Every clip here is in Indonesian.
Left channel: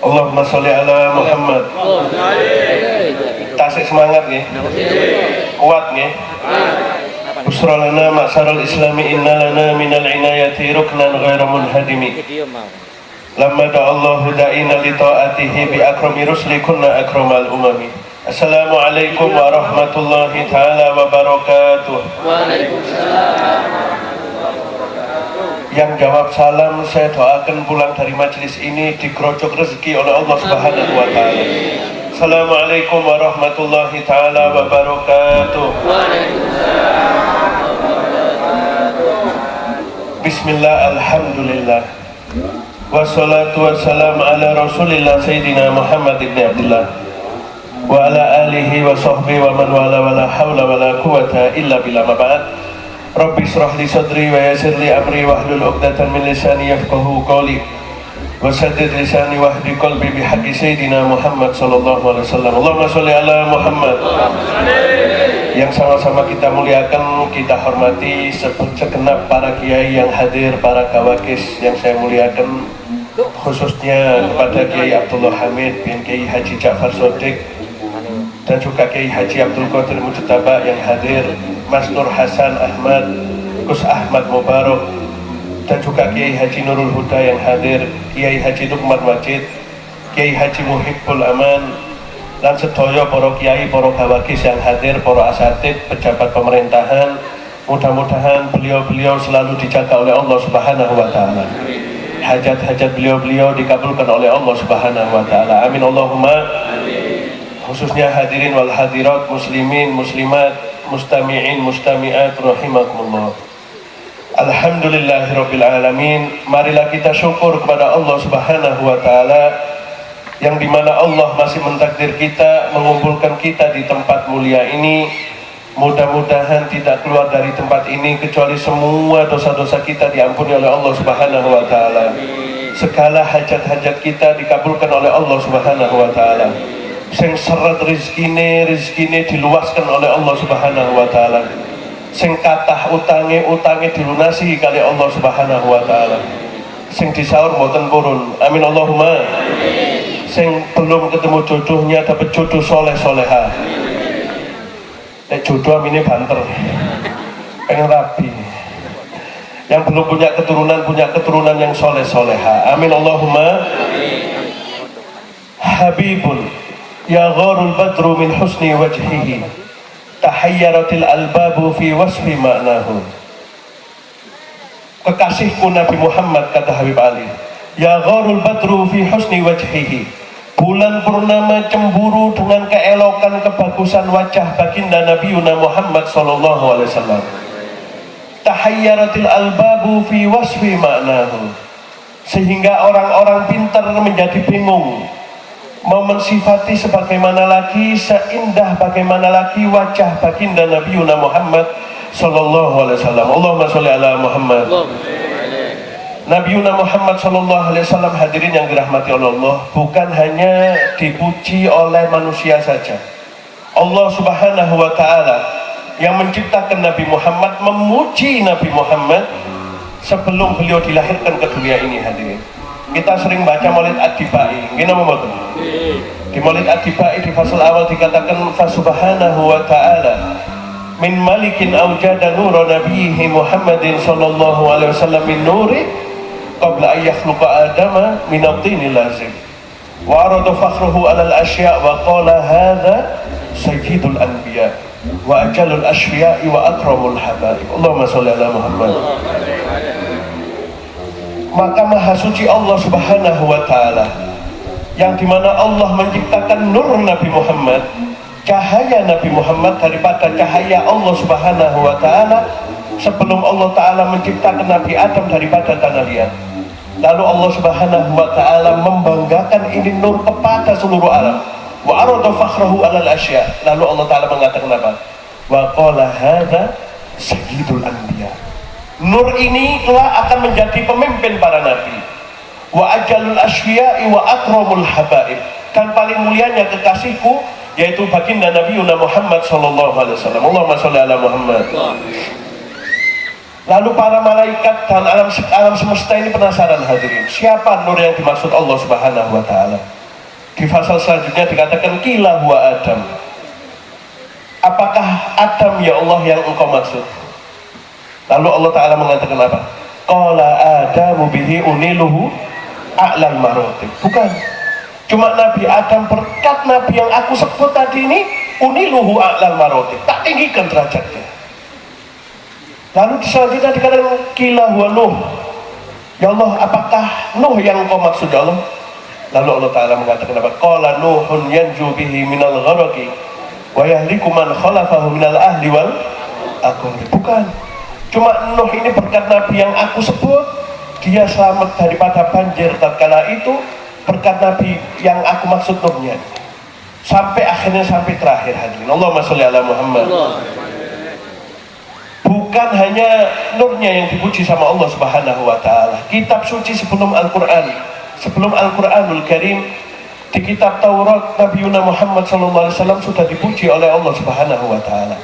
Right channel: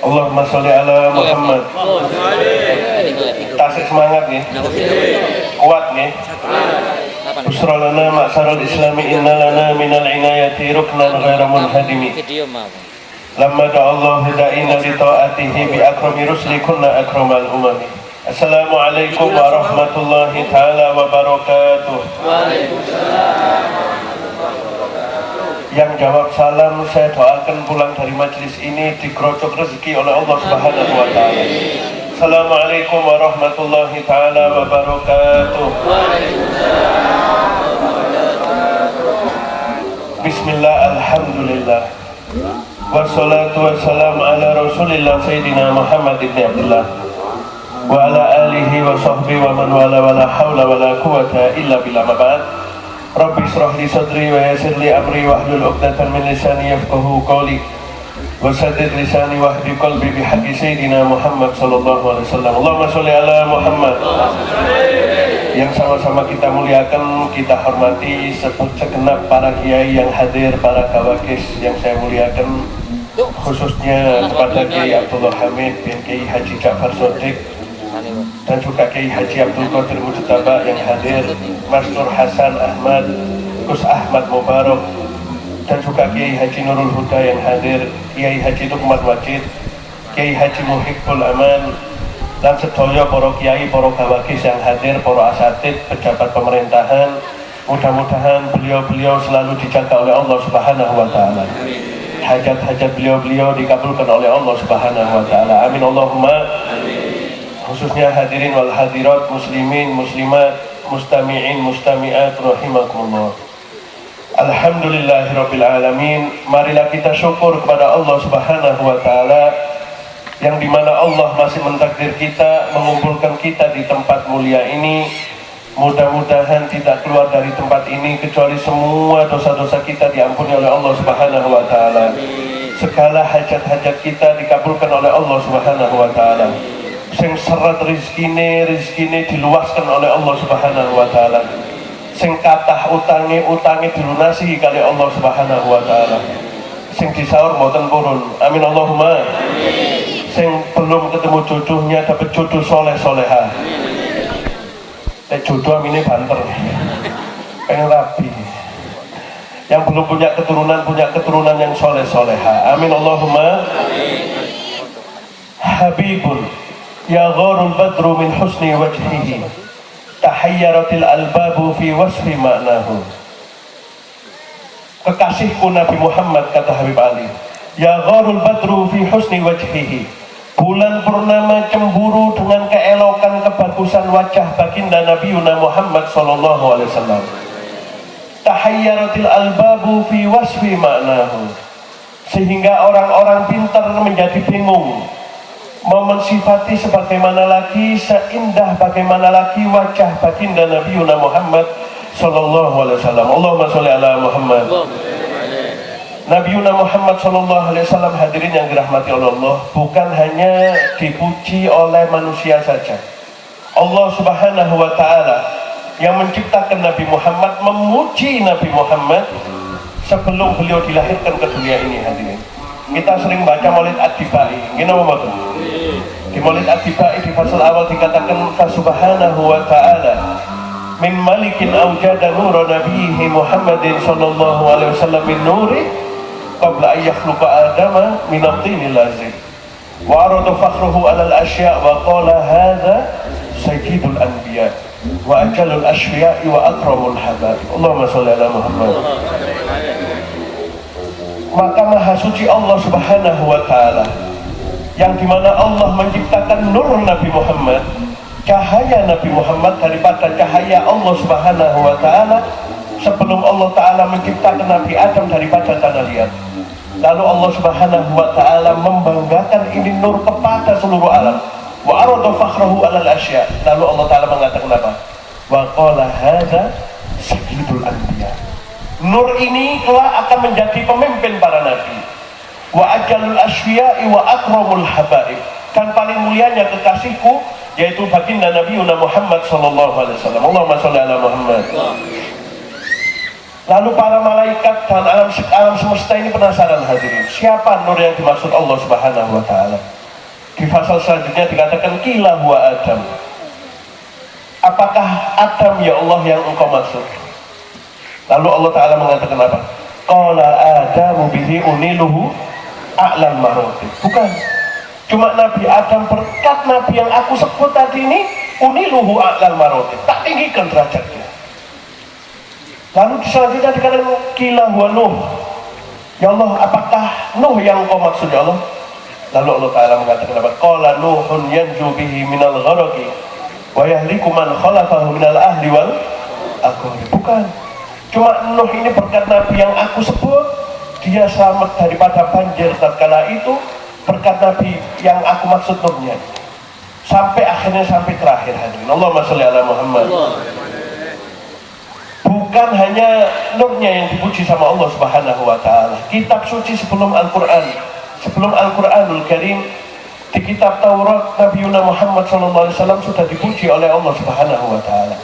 Allahumma sholli ala Muhammad. Tasik semangat nggih. Kuat nggih. Busra lana ma'syaral islami inna lana minal inayati ruknan ghairu munhadimi. Lamma da'allahu da'ina li ta'atihi bi akrami rusli kunna akramal umami. Assalamualaikum warahmatullahi ta'ala wabarakatuh. Waalaikumsalam. Yang jawab salam saya doakan pulang dari majelis ini digerocok rezeki oleh Allah Subhanahu wa taala. Assalamualaikum warahmatullahi taala wabarakatuh. Waalaikumsalam. Bismillah, alhamdulillah. Wassalatu wassalamu ala Rasulillah Sayyidina Muhammad ibn Abdullah wa ala alihi wa sahbihi wa man wala wa la hawla wa la quwata illa billah. Ba'd. Rabbi shrah li sadri wa yassir li amri wahlul 'uqdatam min lisani yafqahu qawli wa saddid lisani wahdi qalbi bi haqqi sayyidina Muhammad sallallahu alaihi wasallam. Allahumma sholli ala Muhammad. Yang sama-sama kita muliakan, kita hormati segenap para kiai yang hadir, para kawakis yang saya muliakan, khususnya kepada Kiai Abdullah Hamid bin Kiai Haji Ja'far Shodiq dan juga Kiai Haji Abdul Qadir Mujtaba yang hadir, Mas Nur Hasan Ahmad, Gus Ahmad Mubarak, dan juga Kiai Haji Nurul Huda yang hadir, Kiai Haji Nurmat Wajid, Kiai Haji Muhibbul Aman, dan sedaya para kiai, para kawakis yang hadir, para asatid, pejabat pemerintahan. Mudah-mudahan beliau-beliau selalu dijaga oleh Allah Subhanahu wa taala. Hajat-hajat beliau-beliau dikabulkan oleh Allah Subhanahu wa taala. Amin Allahumma. Khususnya hadirin wal hadirat, muslimin, muslimat, mustami'in, mustami'at rahimakumullah. Alhamdulillahirabbil alamin. Marilah kita syukur kepada Allah Subhanahu wa taala yang dimana Allah masih mentakdir kita, mengumpulkan kita di tempat mulia ini. Mudah-mudahan tidak keluar dari tempat ini kecuali semua dosa-dosa kita diampuni oleh Allah Subhanahu wa taala. Segala hajat-hajat kita dikabulkan oleh Allah Subhanahu wa taala. Sing seret rizkine diluaskan oleh Allah Subhanahu wa taala. Sing kathah utange dilunasi kali Allah Subhanahu wa taala. Sing disaur mboten purun. Amin Allahumma. Sing belum ketemu jodohnya dapat jodoh soleh-soleha. Jodoh ini banter, pengen rapi. Yang belum punya keturunan yang soleh-soleha. Amin Allahumma. Habibun ya gharul badru min husni wajhihi tahayyaratil albabu fi wasfi ma'nahu. Kekasihku Nabi Muhammad, kata Habib Ali, ya gharul badru fi husni wajhihi, bulan purnama cemburu dengan keelokan kebagusan wajah baginda Nabi Muhammad sallallahu alaihi wasallam. Tahayyaratil albabu fi wasfi ma'nahu, sehingga orang-orang pintar menjadi bingung mau mensifati sebagaimana lagi, seindah bagaimana lagi wajah baginda Nabi Muhammad sallallahu alaihi wasallam. Allahumma sholli ala Muhammad. Nabi Muhammad sallallahu alaihi wasallam, hadirin yang dirahmati Allah, bukan hanya dipuji oleh manusia saja. Allah Subhanahu wa taala yang menciptakan Nabi Muhammad memuji Nabi Muhammad sebelum beliau dilahirkan ke dunia ini, hadirin. Kita sering baca Maulid Ad-Dibai. Gimana Bapak? Di Maulid Ad-Dibai di fasal awal dikatakan fa subhanahu wa ta'ala min malikin awjada nura nabiyhi Muhammadin sallallahu alaihi wasallam min nuri qabla an yakhluqa adama min at-tini lazim wa arada fakhruhu ala al-asya' wa qala hadha sayyidul anbiya wa ajalul ashwiya'i wa akramul habaib. Allahumma sholli ala Muhammad. Maka maha suci Allah Subhanahu wa ta'ala yang dimana Allah menciptakan nur Nabi Muhammad, cahaya Nabi Muhammad daripada cahaya Allah Subhanahu wa ta'ala sebelum Allah ta'ala menciptakan Nabi Adam daripada tanah liat. Lalu Allah Subhanahu wa ta'ala membanggakan ini nur kepada seluruh alam. Wa arada fakhrahu alal asya. Lalu Allah ta'ala mengatakan apa? Wa qala hadza sayyidul anbiya. Nur ini kelak akan menjadi pemimpin para nabi. Wa ajalul asfiya'i wa akramul habaib. Dan paling mulianya kekasihku yaitu baginda Nabi Muhammad sallallahu alaihi wasallam. Allahumma sholli ala Muhammad. Lalu para malaikat dan alam semesta ini penasaran hadirin, siapa nur yang dimaksud Allah Subhanahu wa taala? Di pasal selanjutnya dikatakan qila huwa Adam. Apakah Adam ya Allah yang engkau maksud? Lalu Allah taala mengatakan apa? Qala Adamu bihi uniluhu a'lal marotib. Bukan. Cuma Nabi Adam berkat Nabi yang aku sebut tadi ini uniluhu a'lal marotib. Tak tinggikan derajatnya. Lalu selanjutnya dikatakan qila huwa Nuh. Ya Allah, apakah Nuh yang engkau maksud ya Allah? Lalu Allah Ta'ala mengatakan apa? Qala Nuhun yanju bihi minal gharaqi wa yahliku man khalafahu minal ahli wal aqari. Bukan. Cuma Nuh ini berkat Nabi yang aku sebut, dia selamat daripada banjir tatkala itu, berkat Nabi yang aku maksud Nuhnya. Sampai akhirnya sampai terakhir hadirin. Allahumma sholli ala Muhammad. Bukan hanya nurnya yang dipuji sama Allah Subhanahu wa taala. Kitab suci sebelum Al-Qur'an, sebelum Al-Qur'anul Karim, di kitab Taurat Nabi Muhammad SAW sudah dipuji oleh Allah Subhanahu wa taala.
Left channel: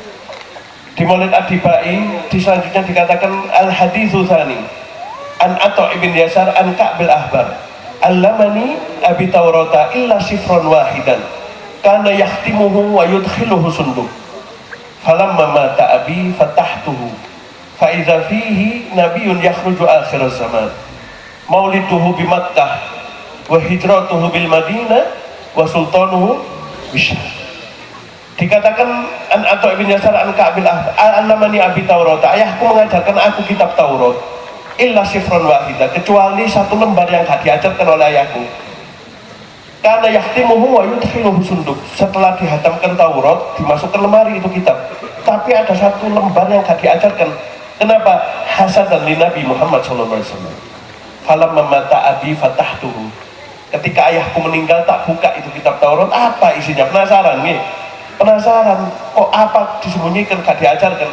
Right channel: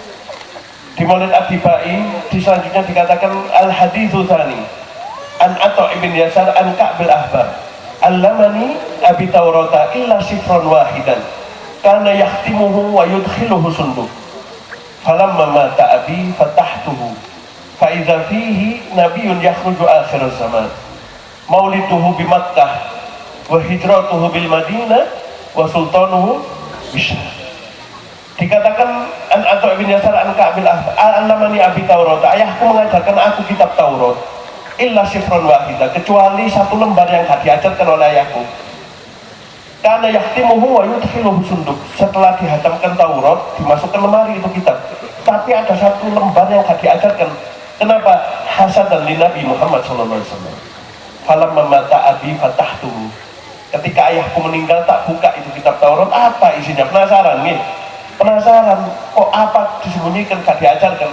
Di Maulid Ad-Dibai di selanjutnya dikatakan al-haditsu tsani an Atha ibn Yasar an Ka'bil Ahbar. Allamani abi Taurata illa sifran wahidan kana yahtimuhu wa yudkhiluhu sunduk. Falamma mata abi fatahtuhu fa idza fihi nabiyyun yakhruju akhir zaman mauliduhu bi Makkah wa hijratuhu bil Madinah wa sultanuhu bisyar. Dikatakan an Atha bin Yasar an Ka'bil Ahbar annamani abi Taurat, ayahku mengajarkan aku kitab Taurat illa sifran wahidah, kecuali satu lembar yang gak diajarkan oleh ayahku. Karena yahtimuhu wa yudkhiluhu sunduk, setelah dihatamkan Taurat dimasukkan lemari itu kitab, tapi ada satu lembar yang gak diajarkan. Kenapa? Hasadan li Nabi Muhammad SAW. Falamma mata abi fatahtuhu, ketika ayahku meninggal tak buka itu kitab Taurat, apa isinya? Penasaran nih, penasaran kok apa disembunyikan, gak diajarkan.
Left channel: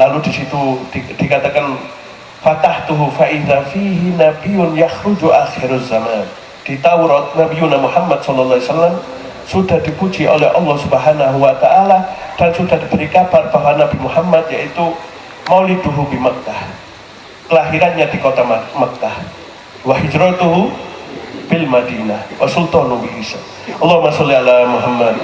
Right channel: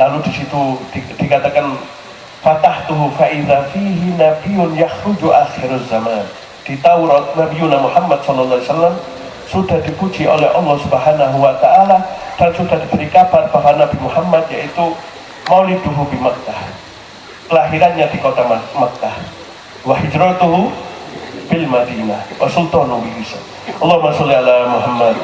Lalu di situ dikatakan fatahtuhu fa idza fihi nabiyyun yakhruju akhiruz zaman. Di Taurat Nabi Muhammad SAW sudah dipuji oleh Allah Subhanahu wa taala dan sudah diberi kabar bahwa Nabi Muhammad yaitu mauliduhu bi Makkah, kelahirannya di kota Makkah, wa hijratuhu bil Madinah wa sultanu bihi. Allahumma sholli ala Muhammad.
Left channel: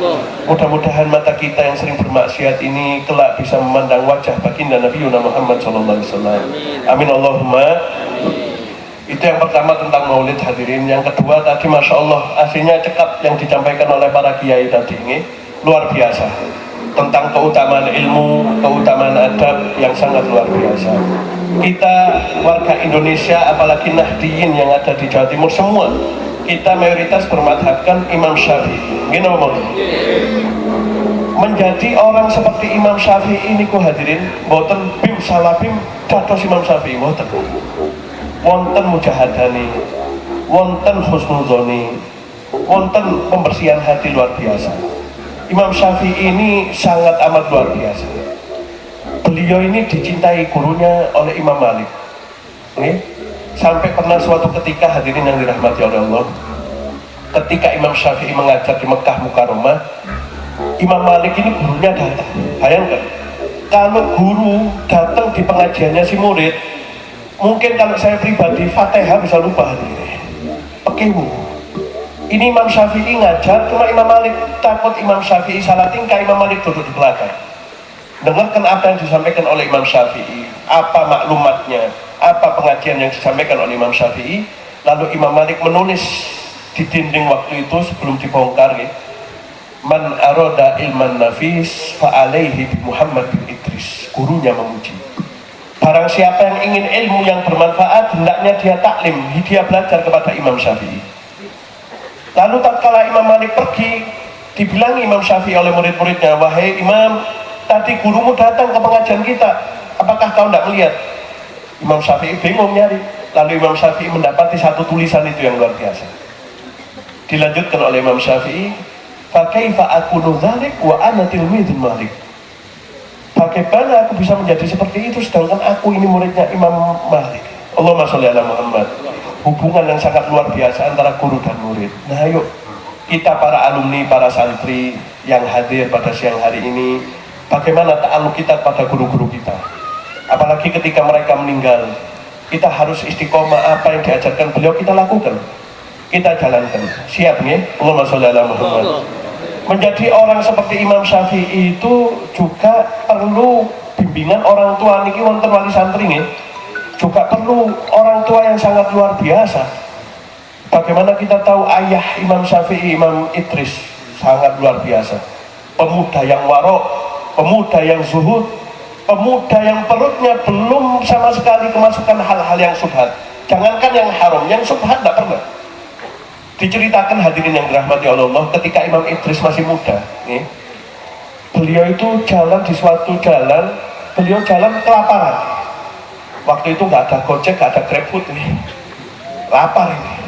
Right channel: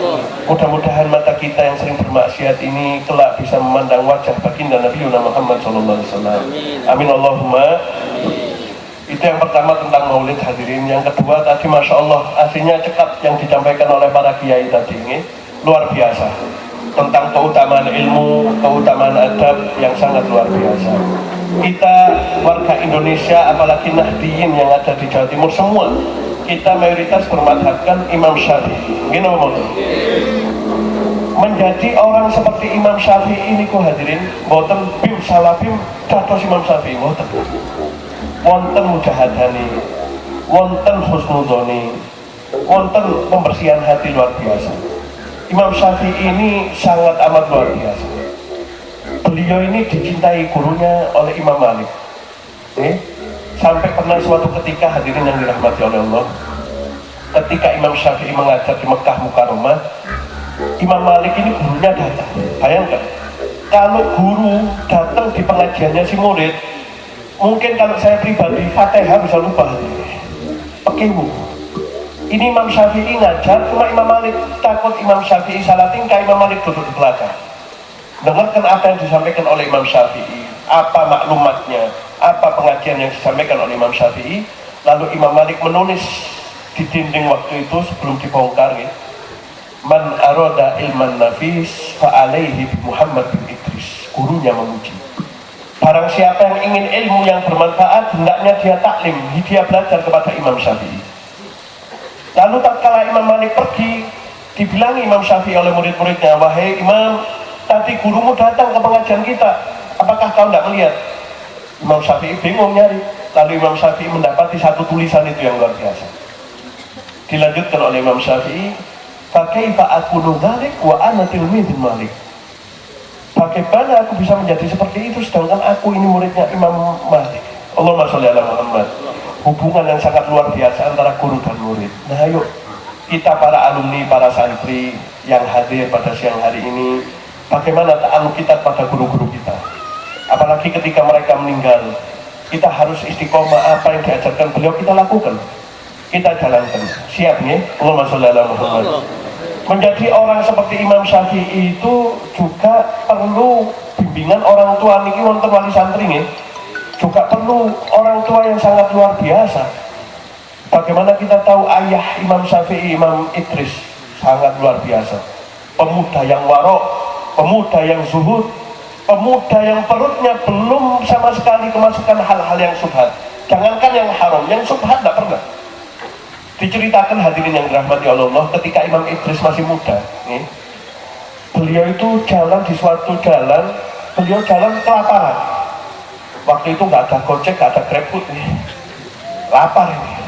Mudah-mudahan mata kita yang sering bermaksiat ini kelak bisa memandang wajah baginda Nabi Muhammad SAW. Amin Allahumma. Itu yang pertama tentang maulid hadirin. Yang kedua tadi Masya Allah aslinya cekap yang disampaikan oleh para kiai tadi ini luar biasa, tentang keutamaan ilmu, keutamaan adab yang sangat luar biasa. Kita warga Indonesia apalagi Nahdiyin yang ada di Jawa Timur semua, kita mayoritas bermadhabkan Imam Syafi'i. Gini ngomong, menjadi orang seperti Imam Syafi'i ini ku hadirin boten bim salabim dados Imam Syafi'i boten. Wonten mujahadani, wonten husnudoni, wonten pembersihan hati luar biasa. Imam Syafi'i ini sangat amat luar biasa. Beliau ini dicintai gurunya oleh Imam Malik. Sampai pernah suatu ketika hadirin yang dirahmati oleh Allah, ketika Imam Syafi'i mengajar di Mekah Mukarramah, Imam Malik ini gurunya datang. Bayangkan, kalau guru datang di pengajiannya si murid, mungkin kalau saya pribadi Fatihah bisa lupa hadirin. Pekimu. Ini Imam Syafi'i ngajar, cuma Imam Malik takut Imam Syafi'i salah tingkah, Imam Malik duduk di belakang. Dengarkan apa yang disampaikan oleh Imam Syafi'i, apa maklumatnya, apa pengajian yang disampaikan oleh Imam Syafi'i. Lalu Imam Malik menulis di dinding waktu itu sebelum dibongkar ya, man aroda ilman nafis fa'alaihi bi Muhammad bin Idris. Gurunya memuji, barang siapa yang ingin ilmu yang bermanfaat hendaknya dia taklim, dia belajar kepada Imam Syafi'i. Lalu tatkala Imam Malik pergi, dibilangi Imam Syafi'i oleh murid-muridnya, wahai Imam, tadi gurumu datang ke pengajian kita, apakah kau tidak melihat? Imam Syafi'i bingung nyari. Lalu Imam Syafi'i mendapati satu tulisan itu yang luar biasa. Dilanjutkan oleh Imam Syafi'i, fa kaifa aqulu dzalik wa ana tilmidul Malik. Bagaimana aku bisa menjadi seperti itu sedangkan aku ini muridnya Imam Malik. Allahumma sholli ala Muhammad. Hubungan yang sangat luar biasa antara guru dan murid. Nah ayo kita para alumni, para santri yang hadir pada siang hari ini, bagaimana ta'aluk kita pada guru-guru kita. Apalagi ketika mereka meninggal, kita harus istiqomah. Apa yang diajarkan beliau kita lakukan, kita jalankan. Siap ya? Allahumma sholli ala Muhammad. Menjadi orang seperti Imam Syafi'i itu juga perlu bimbingan orang tua. Niki wonten wali santri nih, juga perlu orang tua yang sangat luar biasa. Bagaimana kita tahu ayah Imam Syafi'i, Imam Idris, sangat luar biasa. Pemuda yang warok, pemuda yang zuhud, pemuda yang perutnya belum sama sekali kemasukan hal-hal yang subhat. Jangankan yang haram, yang subhat tidak pernah. Diceritakan hadirin yang dirahmati Allah, ketika Imam Idris masih muda, nih, beliau itu jalan di suatu jalan, beliau jalan kelaparan. Waktu itu nggak ada Gojek, nggak ada GrabFood, nih, lapar ini.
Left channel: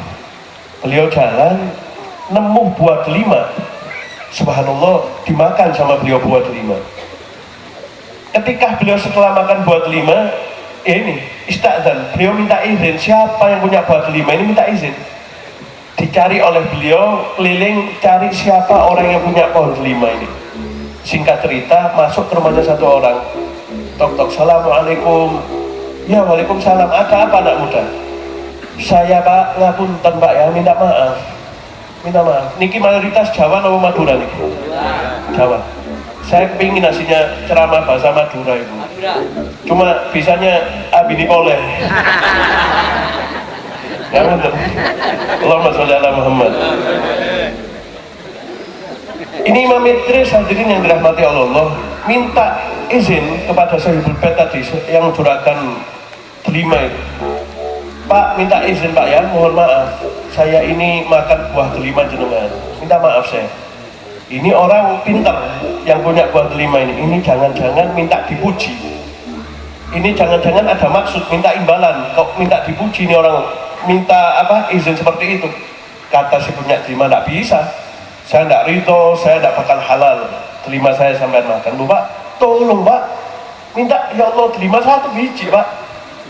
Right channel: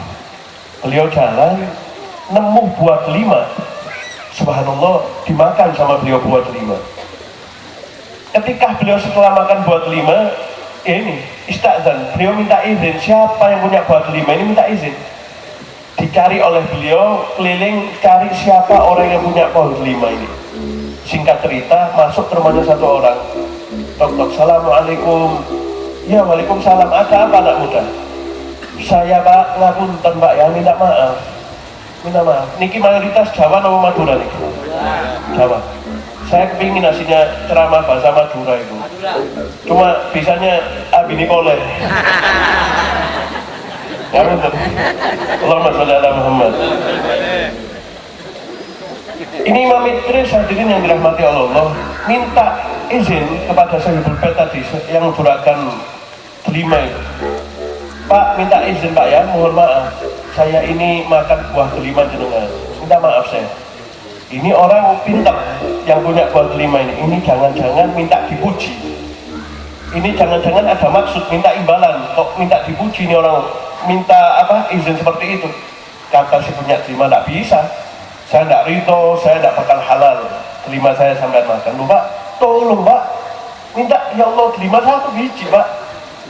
Beliau jalan, nemu buah delima. Subhanallah, dimakan sama beliau buah delima. Ketika beliau setelah makan buah delima, ya ini istadzan, beliau minta izin. Siapa yang punya buah delima ini minta izin. Dicari oleh beliau, keliling cari siapa orang yang punya pohon delima ini. Singkat cerita, masuk ke rumahnya satu orang. Tok, assalamualaikum. Ya, waalaikumsalam. Ada apa anak muda? Saya Pak, ngapunten Pak ya, minta maaf. Minta maaf. Niki mayoritas Jawa atau Madura nih? Jawa. Saya kepingin aslinya ceramah bahasa Madura itu. Cuma bisanya abini boleh. Ya betul. Allahumma sholli ala Muhammad. Ini Imam Idris hadirin yang dirahmati Allah, minta izin kepada Sahibul Bait tadi yang juragan delima itu. Pak, minta izin Pak ya, mohon maaf, saya ini makan buah delima jenengan. Minta maaf saya. Ini orang pintar yang punya buah delima ini jangan-jangan minta dipuji. Ini jangan-jangan ada maksud minta imbalan. Kok minta dipuji ini orang minta apa izin seperti itu? Kata si punya delima, tidak bisa. Saya tidak ridho, saya tidak bakal halal delima saya sampai makan. Loh Pak, tolong Pak, minta ya Allah delima satu biji Pak.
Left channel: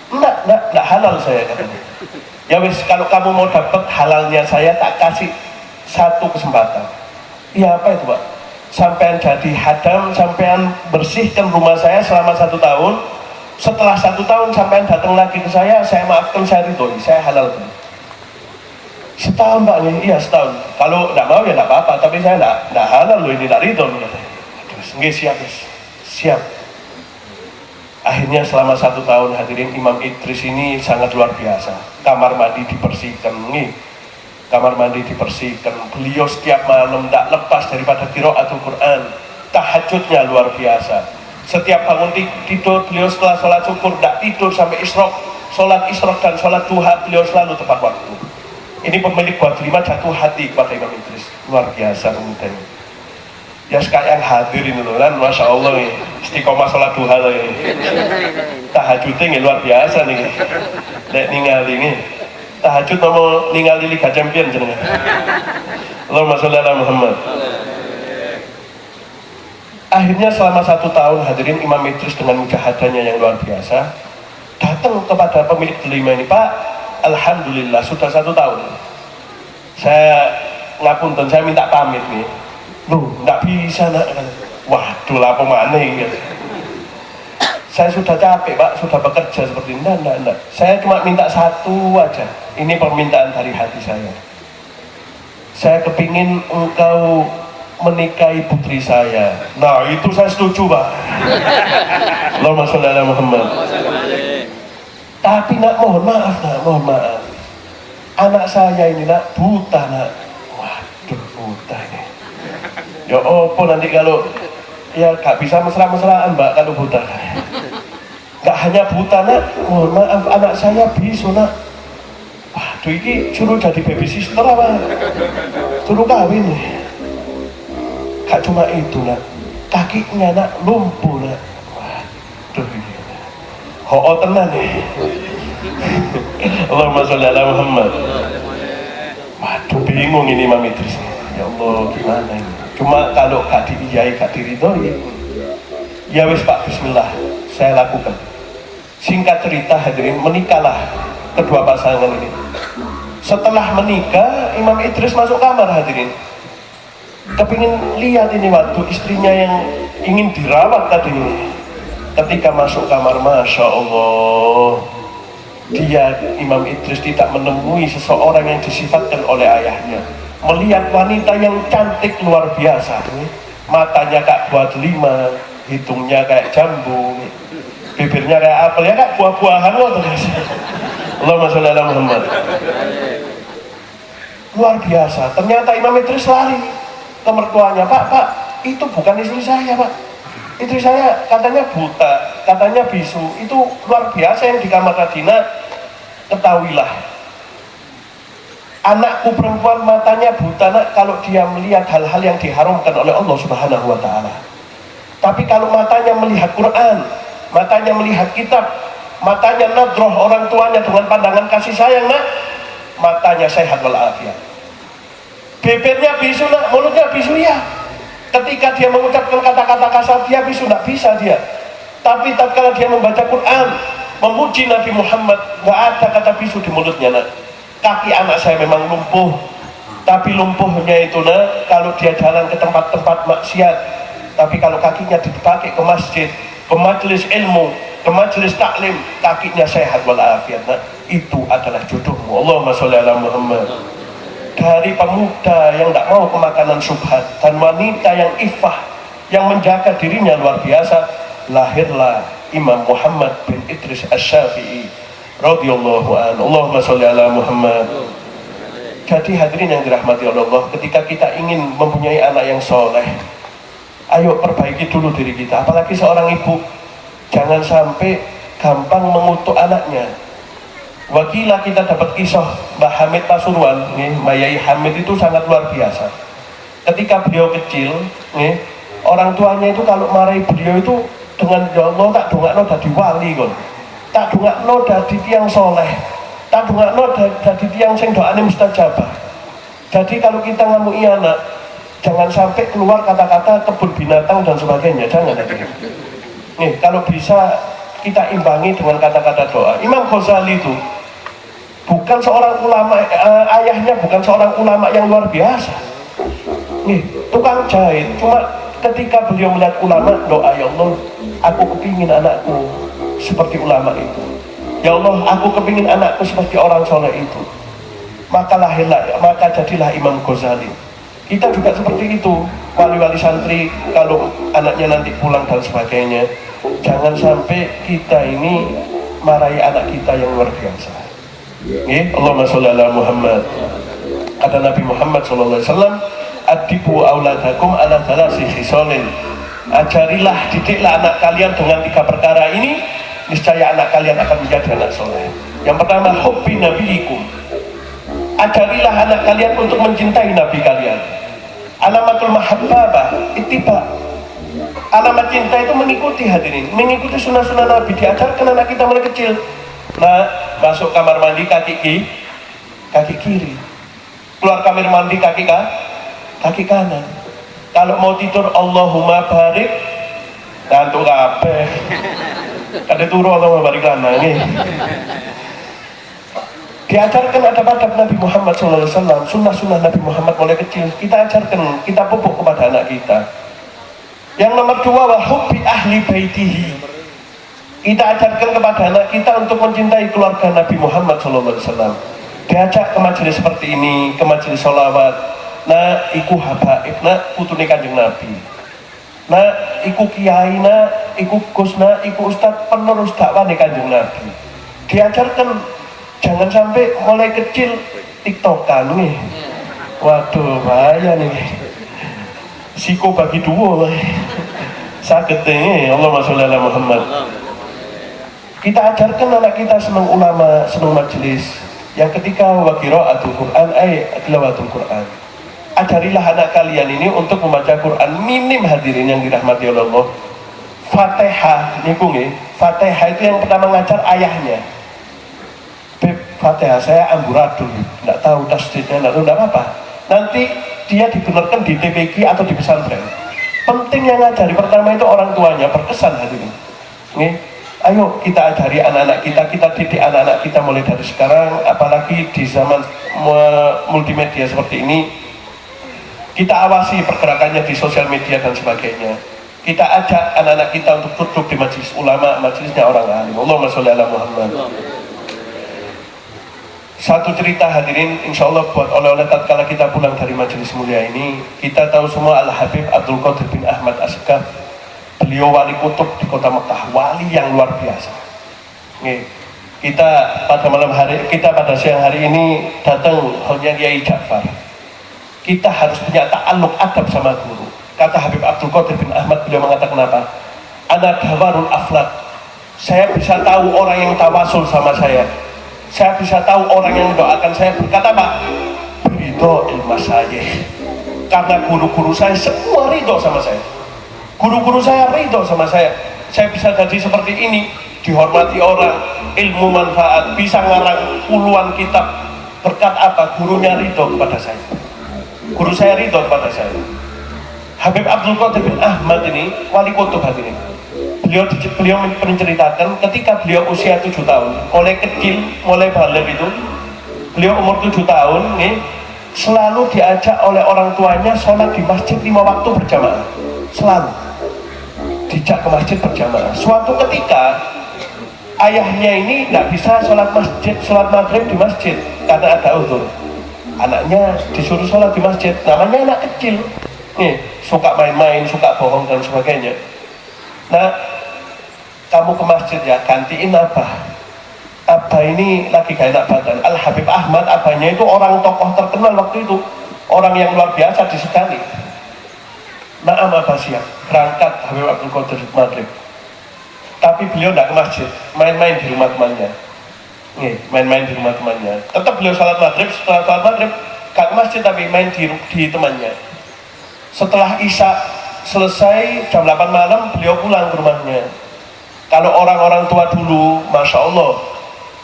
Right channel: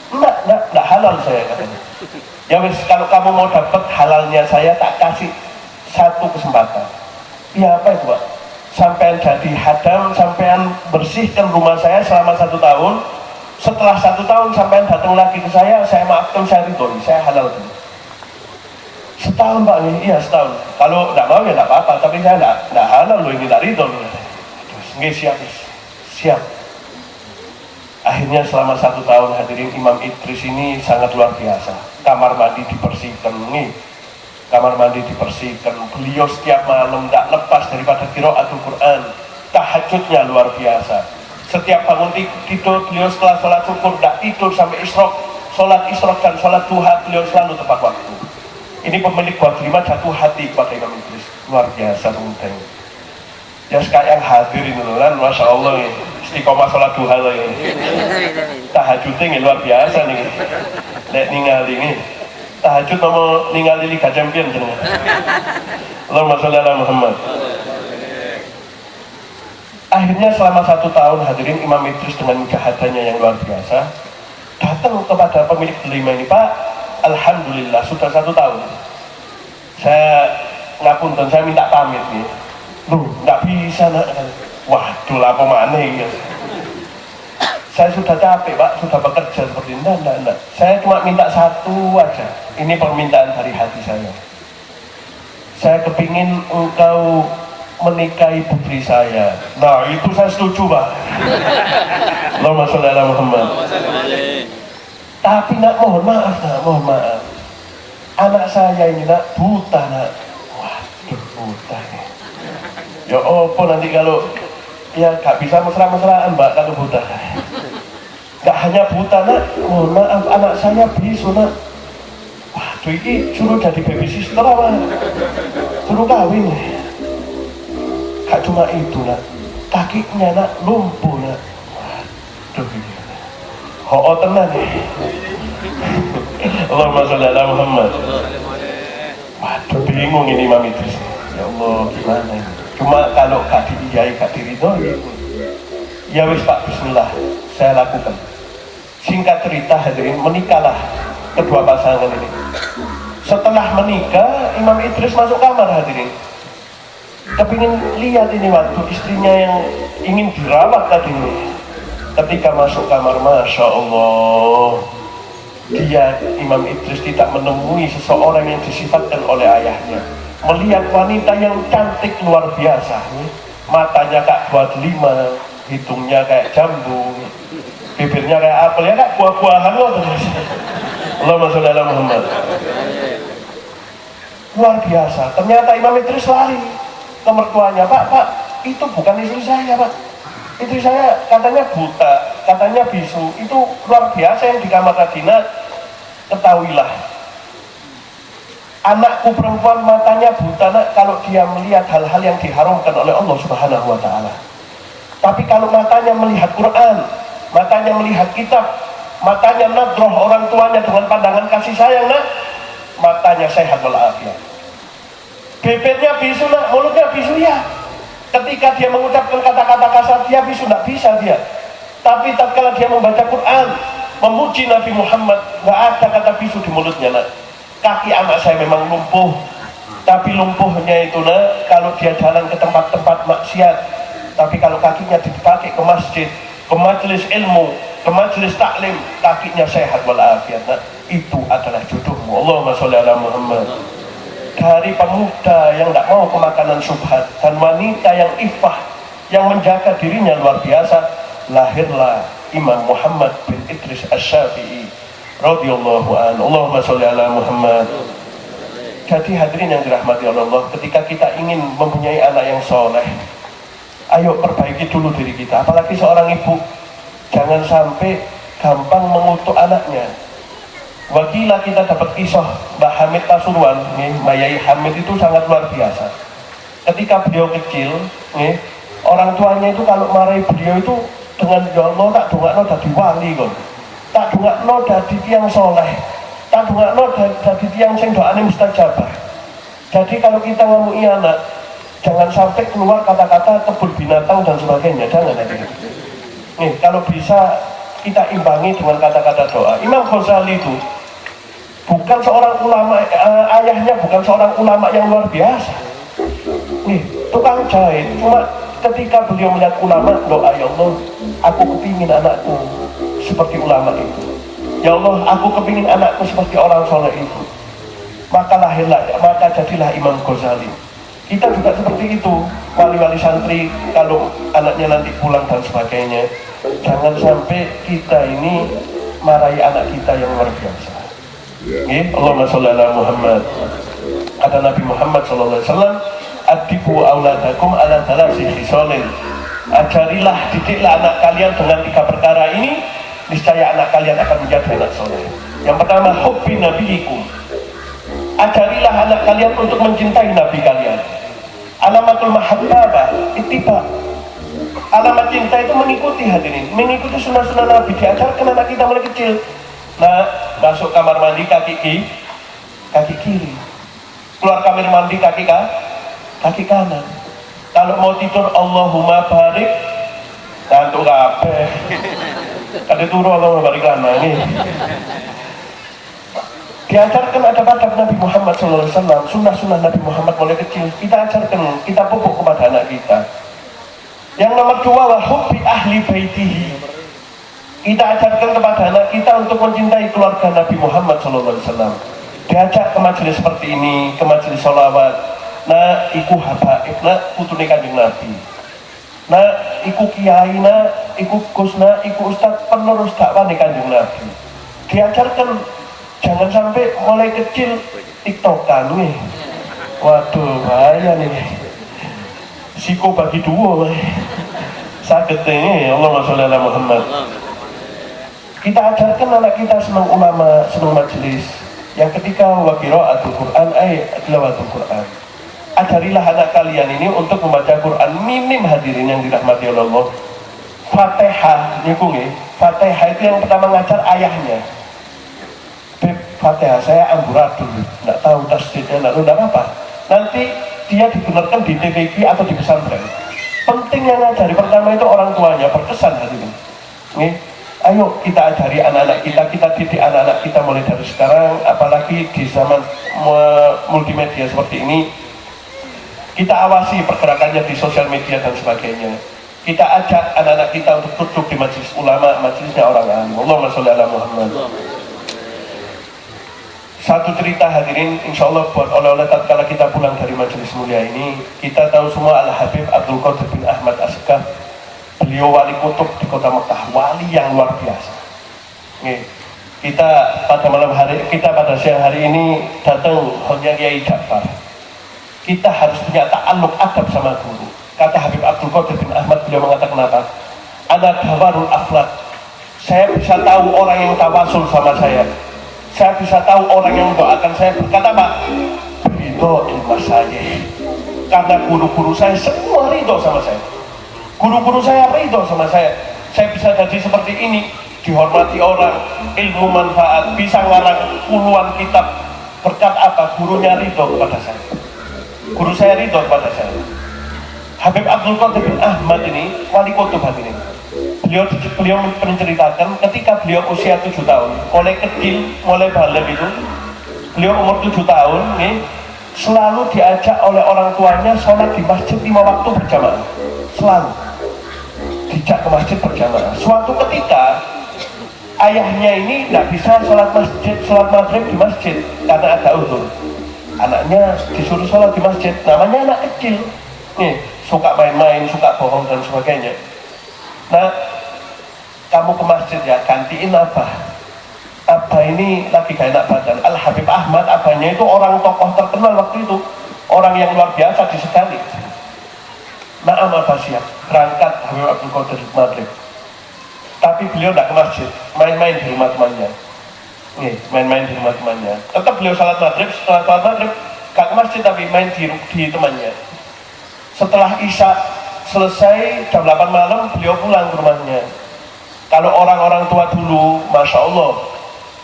Enggak halal saya katanya. Ya wis, kalau kamu mau dapat halalnya saya tak kasih satu kesempatan. Iya apa itu Pak? Sampean jadi hadam, sampean bersihkan rumah saya selama 1 tahun. Setelah 1 tahun sampean datang lagi ke saya maafkan, saya ridho, saya halal dulu. Setahun Pak, iya setahun. Kalau tidak mau ya tidak apa-apa, tapi saya tidak halal loh, ini tidak ridho. Nggih, siap. Akhirnya selama 1 tahun hadirin Imam Idris ini sangat luar biasa. Kamar mandi dibersihkan, nih. Kamar mandi dibersihkan. Beliau setiap malam tidak lepas daripada qiraatul Quran. Tahajudnya luar biasa. Setiap bangun tidur beliau setelah sholat syukur tidak tidur sampai isyraq. Sholat isyraq dan sholat duha beliau selalu tepat waktu. Ini pemilik buah delima jatuh hati kepada Imam Idris. Luar biasa kemudian. Ya sekarang yang hadir ini loh kan, Masya Allah ya. Istiqomah sholat duha ya. Tahajudnya luar biasa nih. Nek ningali ini. Tahajud mau ningali Liga Champion jenengan. Allahumma sholli ala Muhammad. Akhirnya selama 1 tahun hadirin Imam Idris dengan mujahadahnya yang luar biasa datang kepada pemilik delima ini, Pak, alhamdulillah sudah 1 tahun. Saya ngapunten, saya minta pamit nih. Loh, nggak bisa nak. Waduh, lapo mana ini? Saya sudah capek Pak, sudah bekerja seperti ini. Enggak. Saya cuma minta satu aja. Ini permintaan dari hati saya. Saya kepingin engkau menikahi putri saya. Nah, itu saya setuju Pak. Allahumma sholli ala Muhammad. Tapi nak, mohon maaf. Anak saya ini nak buta nak. Waduh, buta nih. Ya apa nanti kalau ya gak bisa mesra-mesraan Mbak kalau buta. Gak hanya buta nak, mohon maaf anak saya bisu nak. Waduh, ini suruh jadi baby sister apa? Suruh kawin nih. Gak cuma itu nak, kakinya nak lumpuh nak. Waduh ini. Ho tenan nih. Allahumma sholli ala Muhammad. Waduh, bingung ini Imam Idris. Ya Allah, gimana ini? Cuma kalau gak diiyai, gak diridhoi, ya wis Pak, bismillah, saya lakukan. Singkat cerita hadirin, menikahlah kedua pasangan ini. Setelah menikah, Imam Idris masuk kamar hadirin. Kepingin lihat ini waktu istrinya yang ingin dirawat tadi ini. Ketika masuk kamar, Masya Allah, dia Imam Idris tidak menemui seseorang yang disifatkan oleh ayahnya. Melihat wanita yang cantik luar biasa, matanya kayak buah delima, hidungnya kayak jambu, bibirnya kayak apel, ya kayak buah-buahan loh. Allahumma sholli ala Muhammad. Luar biasa. Ternyata Imam Idris lari ke mertuanya, Pak, itu bukan istri saya, Pak. Istri saya katanya buta, katanya bisu. Itu luar biasa yang di kamar Madinah. Ketahuilah, anakku perempuan matanya buta, nak, kalau dia melihat hal-hal yang diharamkan oleh Allah Subhanahu wa Ta'ala. Tapi kalau matanya melihat Quran, matanya melihat kitab, matanya nadroh orang tuanya dengan pandangan kasih sayang, nak, matanya sehat walafiat. Bibirnya bisu, nak, mulutnya bisu, ya. Ketika dia mengucapkan kata-kata kasar, dia bisu, tidak bisa dia. Tapi tatkala dia membaca Quran, memuji Nabi Muhammad, nggak ada kata bisu di mulutnya, nak. Kaki anak saya memang lumpuh, tapi lumpuhnya itu, nak, kalau dia jalan ke tempat-tempat maksiat. Tapi kalau kakinya dipakai ke masjid, ke majelis ilmu, ke majelis taklim, kakinya sehat walafiat, nak. Itu adalah jodohmu. Allahumma sholli ala Muhammad. Dari pemuda yang tidak mau kemakanan subhat dan wanita yang iffah, yang menjaga dirinya luar biasa, lahirlah Imam Muhammad bin Idris Asy-Syafi'i radhiyallahu anhu. Allahumma sholli ala Muhammad. Jadi hadirin yang dirahmati Allah, ketika kita ingin mempunyai anak yang soleh, ayo perbaiki dulu diri kita. Apalagi seorang ibu, jangan sampai gampang mengutuk anaknya. Wakilah kita dapat kisah Mbak Hamid Pasuruan, Mbak Yai Hamid itu sangat luar biasa. Ketika beliau kecil, orang tuanya itu kalau marahi beliau itu dengan, ya Allah, tak dongakno dadi wali kon, tak dongakno dadi tiang soleh, tak dongakno dadi tiang sing doane mustajabah. Jadi kalau kita ngamui anak, jangan sampai keluar kata-kata kebun binatang dan sebagainya, jangan tadi. Kalau bisa kita imbangi dengan kata-kata doa. Imam Ghazali itu bukan seorang ulama, ayahnya bukan seorang ulama yang luar biasa. Tukang jahit, cuma ketika beliau melihat ulama, doa, ya Allah, aku kepingin anakku seperti ulama itu. Ya Allah, aku kepingin anakku seperti orang soleh itu. Maka lahirlah, maka jadilah Imam Ghazali. Kita juga seperti itu, wali-wali santri, kalau anaknya nanti pulang dan sebagainya, jangan sampai kita ini marahi anak kita yang luar biasa. Allahumma sholli ala Muhammad. Kata Nabi Muhammad SAW, adibu auladakum ala thalasi khisalin. Ajarilah, didiklah anak kalian dengan 3 perkara ini, niscaya anak kalian akan menjadi anak soleh. Yang pertama, hubbi nabiikum. Ajarilah anak kalian untuk mencintai Nabi kalian. Alamatul mahabbah, ittiba. Alamat cinta itu mengikuti, hadirin, mengikuti sunnah-sunnah Nabi. Diajarkan anak kita mulai kecil. Nah, masuk kamar mandi kaki kiri, keluar kamar mandi kaki kanan. Kalau mau tidur, Allahumma barik, dan tuh kabeh kada turu Allahumma barik lana ini. Diajarkan adab-adab Nabi Muhammad SAW, sunnah-sunnah Nabi Muhammad mulai kecil. Kita ajarkan, kita pupuk kepada anak kita. Yang nomor 2, wa hubbi ahli baitihi. Kita ajarkan kepada anak kita untuk mencintai keluarga Nabi Muhammad SAW. Diajak ke majelis seperti ini, ke majelis sholawat. Nah, iku habaib, nah, putune Kanjeng Nabi. Nah, iku kiai, nah, iku kusna, iku ustad penerus dakwah Kanjeng Nabi. Diajarkan, jangan sampai mulai kecil tiktokan nih. Waduh, bahaya nih. Siko bagi dua lah. Sakitnya, Allahumma sholli ala Muhammad. Kita ajarkan anak kita senang ulama, senang majelis. Yang ketika wa qiraatul Quran, tilawatul Quran. Ajarilah anak kalian ini untuk membaca Quran minim, hadirin yang dirahmati Allah. Fatihah, niku nggih. Fatihah itu yang pertama ngajar ayahnya. Fatihah saya amburadul, enggak tahu tasdidnya, enggak apa-apa. Nanti dia digunakan di TPQ atau di pesantren. Penting yang ngajari pertama itu orang tuanya, berkesan hadirin. Nih, ayo kita ajari anak-anak kita, kita didik anak-anak kita mulai dari sekarang, apalagi di zaman multimedia seperti ini. Kita awasi pergerakannya di sosial media dan sebagainya. Kita ajak anak-anak kita untuk duduk di majelis ulama, majelisnya orang alim. Allahumma sholli ala Muhammad. Satu cerita hadirin, insya Allah buat oleh-oleh tatkala kita pulang dari majelis mulia ini. Kita tahu semua Al-Habib Abdul Qadir bin Ahmad Asghaf. Beliau wali kutub di kota Mekah, wali yang luar biasa. Nih, kita pada siang hari ini datang hanya Kiai Ja'far. Kita harus punya ta'alluq adab sama guru. Kata Habib Abdul Qadir bin Ahmad, beliau mengatakan apa? Ana dawarul aflak. Saya bisa tahu orang yang tawasul sama saya. Saya bisa tahu orang yang mendoakan saya. Berkata Pak, ridho ilmu saya. Karena guru-guru saya semua ridho sama saya. Guru-guru saya ridho sama saya. Saya bisa jadi seperti ini, dihormati orang, ilmu manfaat, bisa ngarang puluhan kitab. Berkat apa? Gurunya ridho kepada saya. Guru saya ridho kepada saya. Habib Abdul Qadir bin Ahmad ini wali kutub hadirin. Beliau menceritakan ketika beliau usia 7 tahun, mulai kecil, mulai balik itu, beliau umur 7 tahun nih, selalu diajak oleh orang tuanya sholat di masjid 5 waktu berjamaah. Selalu dijak ke masjid berjamaah. Suatu ketika ayahnya ini nggak bisa sholat maghrib di masjid karena ada uzur. Anaknya disuruh sholat di masjid, namanya anak kecil nih, suka main-main, suka bohong dan sebagainya. Nah, kamu ke masjid ya, gantiin Abah. Abah ini lagi gak enak badan. Al-Habib Ahmad, abahnya itu orang tokoh terkenal waktu itu, orang yang luar biasa disegani. Naam Abah siap, berangkat Habib Abdul Qadir maghrib. Tapi beliau tidak ke masjid, main-main di rumah temannya. Nih, main-main di rumah temannya. Tetap beliau salat maghrib, setelah salat maghrib gak ke masjid tapi main di temannya. Setelah Isya selesai jam 8 malam beliau pulang ke rumahnya. Kalau orang-orang tua dulu, Masya Allah,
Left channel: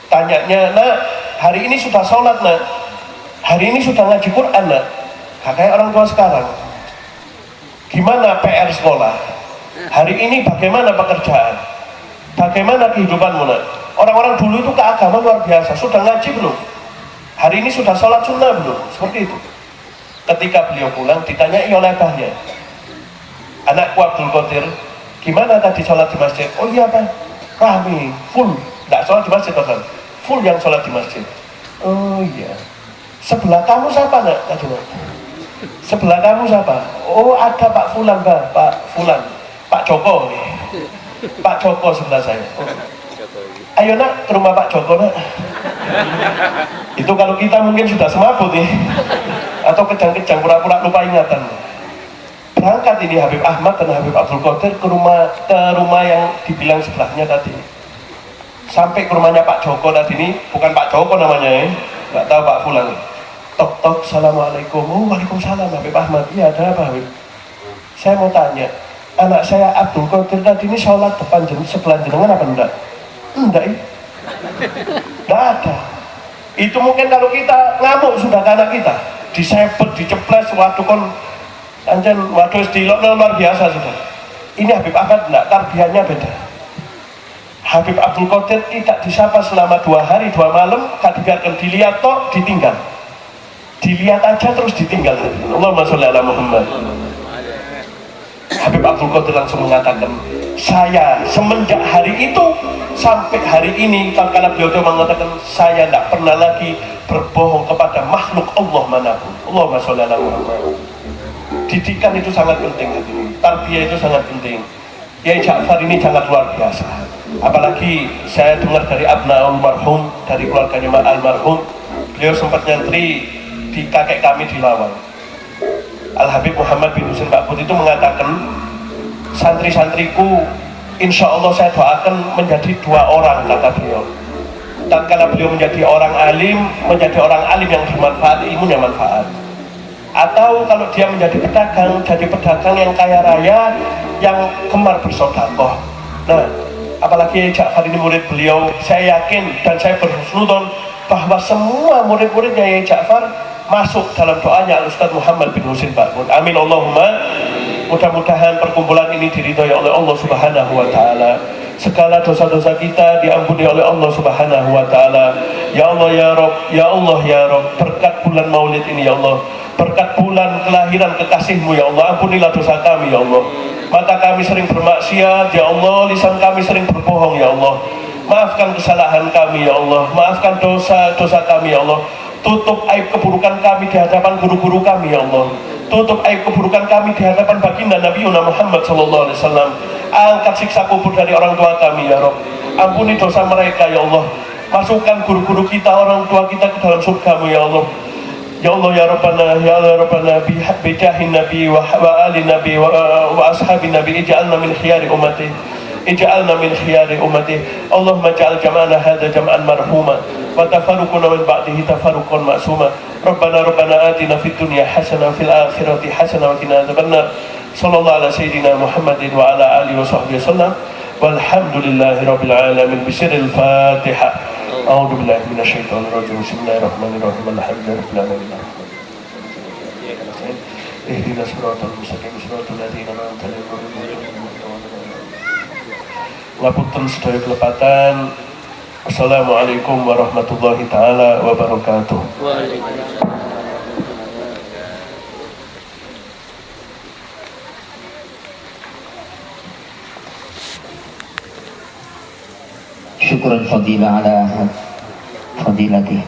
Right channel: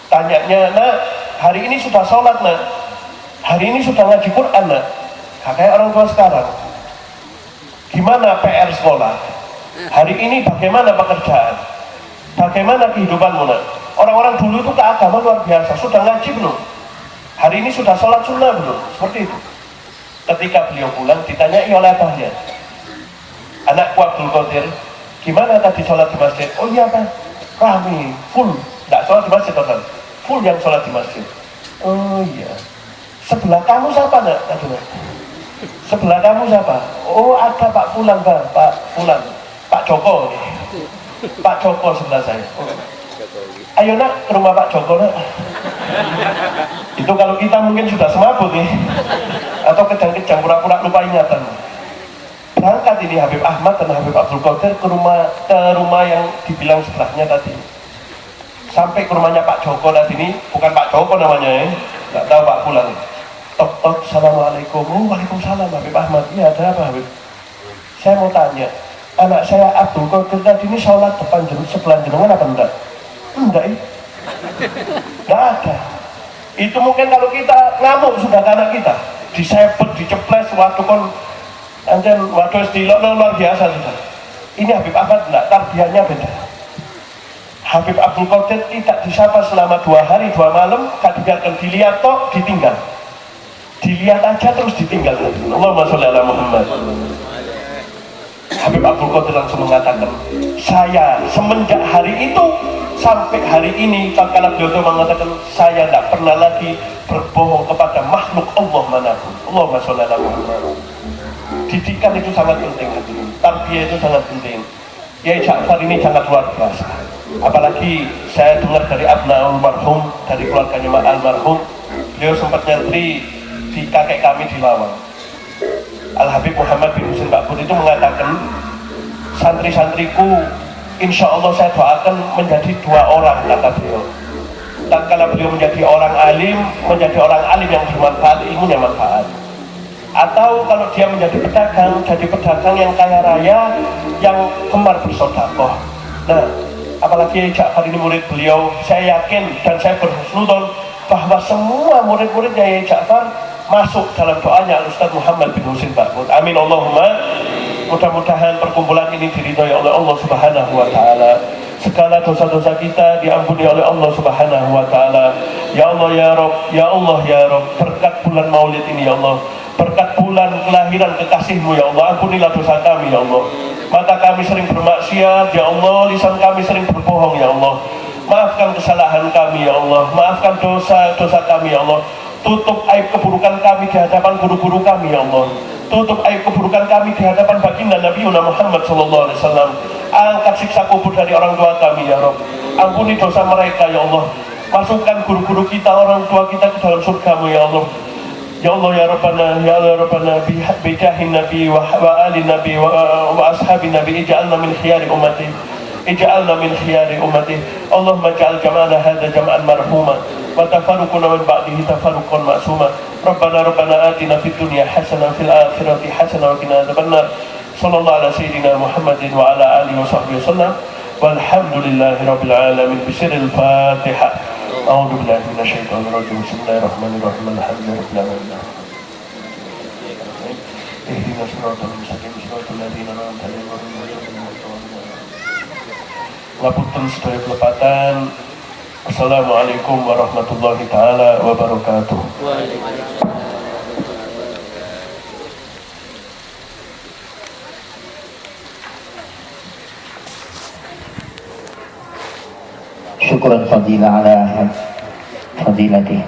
tanyanya, nah hari ini sudah sholat nak, hari ini sudah ngaji Quran nak. Gak kayak orang tua sekarang. Gimana PR sekolah? Hari ini bagaimana pekerjaan? Bagaimana kehidupanmu nak? Orang-orang dulu itu keagama luar biasa. Sudah ngaji belum? Hari ini sudah sholat sunnah belum? Seperti itu. Ketika beliau pulang ditanyai oleh abahnya, anakku Abdul Qadir, gimana tadi sholat di masjid? Oh iya kan, rame, full. Nggak sholat di masjid kan? Full yang sholat di masjid. Oh iya. Sebelah kamu siapa nak? Tadi nak. Sebelah kamu siapa? Oh ada Pak Fulan bang, Pak Fulan, Pak Joko. Pak Joko sebelah saya. Ayo nak ke rumah Pak Joko nak. Itu kalau kita mungkin sudah semabut nih, atau kejang-kejang pura-pura lupa ingatan. Berangkat ini Habib Ahmad dan Habib Abdul Qadir ke rumah yang dibilang sebelahnya tadi. Sampai ke rumahnya Pak Joko tadi ini, bukan Pak Joko namanya ya, nggak tahu Pak Fulan. Tok tok, assalamualaikum. Waalaikumsalam Habib Ahmad. Iya ada apa Habib? Saya mau tanya, anak saya Abdul Qadir tadi ini sholat depan sebelah jenengan apa enggak? Enggak ya? Enggak ada. Itu mungkin kalau kita ngamuk sudah ke anak kita, disebut, diceples, waktu kan anjen, waduh istilok luar biasa sudah. Ini Habib Ahmad enggak, tarbiyahnya beda. Habib Abdul Qadir tidak disapa selama 2 hari 2 malam, gak dibiarkan dilihat toh, ditinggal. Dilihat aja terus ditinggal. Allahumma sholli ala Muhammad. Habib Abdul Qadir langsung mengatakan, saya semenjak hari itu sampai hari ini, kalau beliau mengatakan, saya tidak pernah lagi berbohong kepada makhluk Allah manapun. Allahumma sholli ala Muhammad. Didikan itu sangat penting, tarbiyah itu sangat penting. Kiai Ja'far ini sangat luar biasa. Apalagi saya dengar dari Abna almarhum, dari keluarganya Mak almarhum, beliau sempat nyantri di kakek kami di Lawang. Al-Habib Muhammad bin Husin Bakbut itu mengatakan, santri-santriku insya Allah saya doakan menjadi 2 orang, kata beliau. Dan kalau beliau menjadi orang alim, menjadi orang alim yang bermanfaat, ilmunya manfaat. Atau kalau dia menjadi pedagang, jadi pedagang yang kaya raya, yang gemar bersedekah. Nah, apalagi Ja'far ini murid beliau, saya yakin dan saya berhusnuzon bahwa semua murid-muridnya Kiai Ja'far masuk dalam doanya Ustaz Muhammad bin Husin Bakbut. Amin Allahumma. Mudah-mudahan perkumpulan ini diridhoi oleh Allah Subhanahu wa taala. Segala dosa-dosa kita diampuni oleh Allah Subhanahu wa taala. Ya Allah ya Rabb, ya Allah ya Rabb, berkat bulan Maulid ini ya Allah, berkat bulan kelahiran kekasih-Mu ya Allah, ampunilah dosa kami ya Allah. Mata kami sering bermaksiat, ya Allah. Lisan kami sering berbohong, ya Allah. Maafkan kesalahan kami, ya Allah. Maafkan dosa-dosa kami, ya Allah. Tutup aib keburukan kami di hadapan guru-guru kami, ya Allah. Tutup aib keburukan kami di hadapan baginda Nabi Muhammad SAW. Angkat siksa kubur dari orang tua kami, ya Rabb. Ampuni dosa mereka, ya Allah. Masukkan guru-guru kita, orang tua kita ke dalam surga-Mu, ya Allah. Ya Allah, ya Rabbana, ya Allah, ya Rabbana, bijahin Nabi wa ali Nabi wa ashabi Nabi, ij'alna min khiyari ummati. اجعلنا من خيار أمته. اللهم اجعل جمعنا هذا جمعا مرحوما وتفرقنا من بعده تفرقا معصوما. ربنا آتنا في الدنيا حسنة وفي الآخرة حسنة وقنا عذاب النار. صلى الله على سيدنا محمد وعلى آله وصحبه وسلم والحمد لله رب العالمين. بسر الفاتحة. أعوذ بالله من الشيطان الرجيم. بسم الله الرحمن الرحيم. الحمد لله رب العالمين. اهدنا الصراط المستقيم صراط الذين أنعمت عليهم. Ngapunten sedaya kelepatan. Assalamualaikum warahmatullahi taala wabarakatuh. Syukran fadilah ala fadilatih.